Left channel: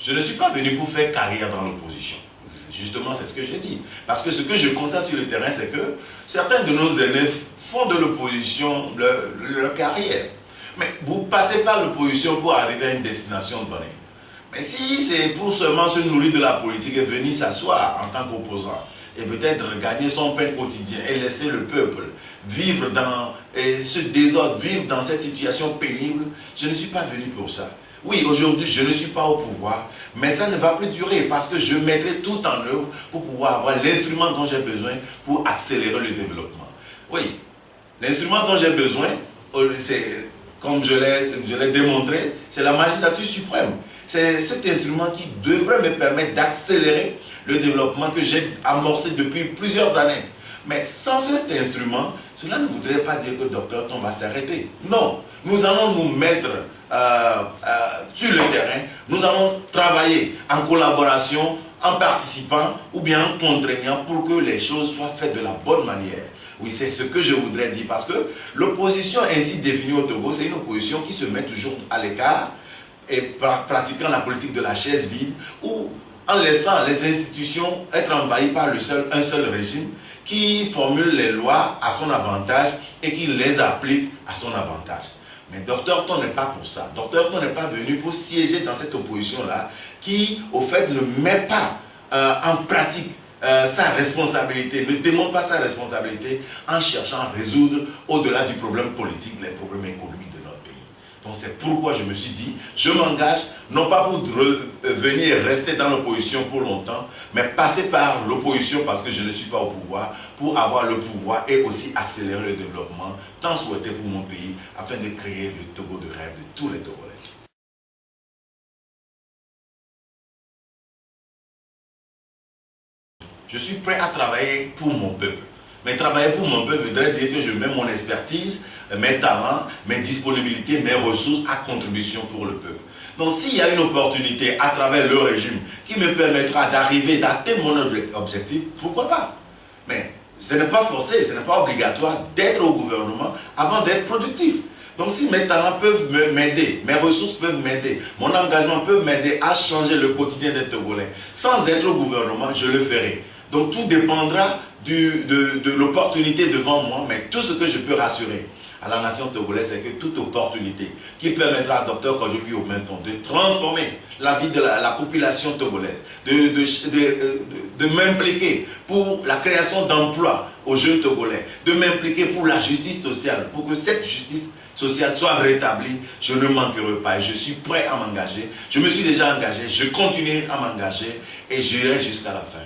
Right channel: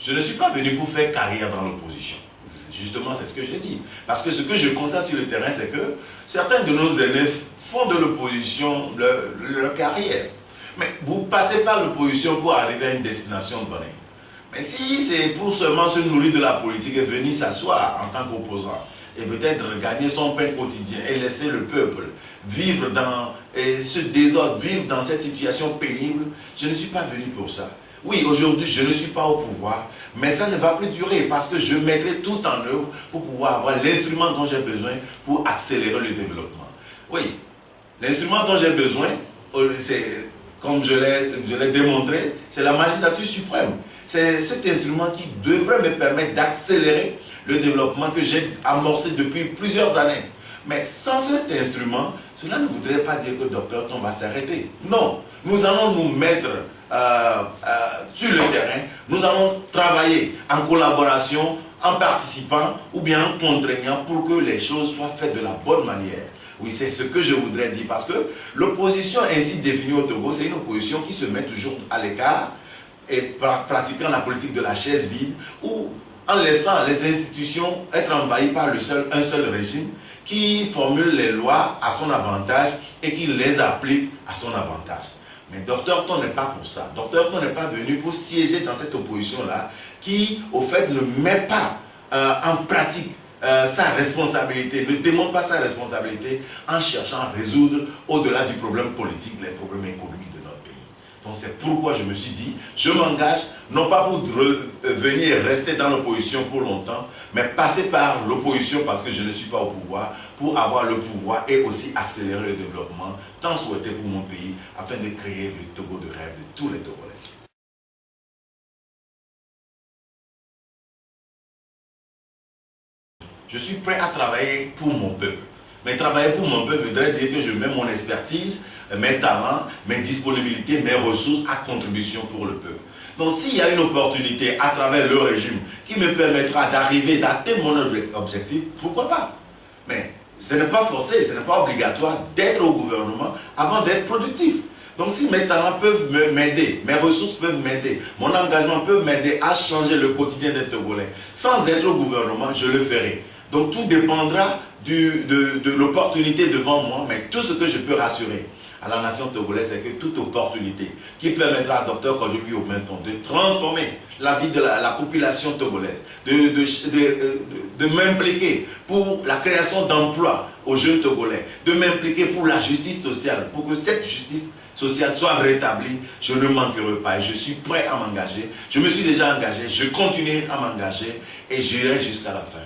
Je ne suis pas venu pour faire carrière dans l'opposition. Justement, c'est ce que j'ai dit. Parce que ce que je constate sur le terrain, c'est que certains de nos élèves font de l'opposition leur carrière. Mais vous passez par l'opposition pour arriver à une destination donnée. Mais si c'est pour seulement se nourrir de la politique et venir s'asseoir en tant qu'opposant, et peut-être gagner son pain quotidien et laisser le peuple vivre dans ce désordre, vivre dans cette situation pénible, je ne suis pas venu pour ça. Oui, aujourd'hui, je ne suis pas au pouvoir, mais ça ne va plus durer parce que je mettrai tout en œuvre pour pouvoir avoir l'instrument dont j'ai besoin pour accélérer le développement. Oui, l'instrument dont j'ai besoin, c'est, comme je l'ai démontré, c'est la magistrature suprême. C'est cet instrument qui devrait me permettre d'accélérer le développement que j'ai amorcé depuis plusieurs années. Mais sans cet instrument, cela ne voudrait pas dire que Dr Tom va s'arrêter. Non, nous allons nous mettre sur le terrain, nous allons travailler en collaboration, en participant ou bien en contraignant pour que les choses soient faites de la bonne manière. Oui, c'est ce que je voudrais dire parce que l'opposition ainsi définie au Togo, c'est une opposition qui se met toujours à l'écart et pratiquant la politique de la chaise vide ou en laissant les institutions être envahies par un seul régime qui formule les lois à son avantage et qui les applique à son avantage. Mais Dr Tom n'est pas pour ça. Dr Tom n'est pas venu pour siéger dans cette opposition-là qui, au fait, ne met pas en pratique sa responsabilité, ne démontre pas sa responsabilité en cherchant à résoudre, au-delà du problème politique, les problèmes économiques de notre pays. Donc c'est pourquoi je me suis dit, je m'engage, non pas pour venir rester dans l'opposition pour longtemps, mais passer par l'opposition parce que je ne suis pas au pouvoir, pour avoir le pouvoir et aussi accélérer le développement tant souhaité pour mon pays, afin de créer le Togo de rêve de tous les Togolais. Je suis prêt à travailler pour mon peuple. Mais travailler pour mon peuple voudrait dire que je mets mon expertise, mes talents, mes disponibilités, mes ressources à contribution pour le peuple. Donc s'il y a une opportunité à travers le régime qui me permettra d'arriver, d'atteindre mon objectif, pourquoi pas? Mais ce n'est pas forcé, ce n'est pas obligatoire d'être au gouvernement avant d'être productif. Donc si mes talents peuvent m'aider, mes ressources peuvent m'aider, mon engagement peut m'aider à changer le quotidien des Togolais, sans être au gouvernement, je le ferai. Donc tout dépendra de l'opportunité devant moi, mais tout ce que je peux rassurer à la nation togolaise, c'est que toute opportunité qui permettra à Dr Kojo Obenton de transformer la vie de la population togolaise, de m'impliquer pour la création d'emplois aux jeunes Togolais, de m'impliquer pour la justice sociale, pour que cette justice sociale soit rétablie, je ne manquerai pas et je suis prêt à m'engager. Je me suis déjà engagé, je continuerai à m'engager et j'irai jusqu'à la fin.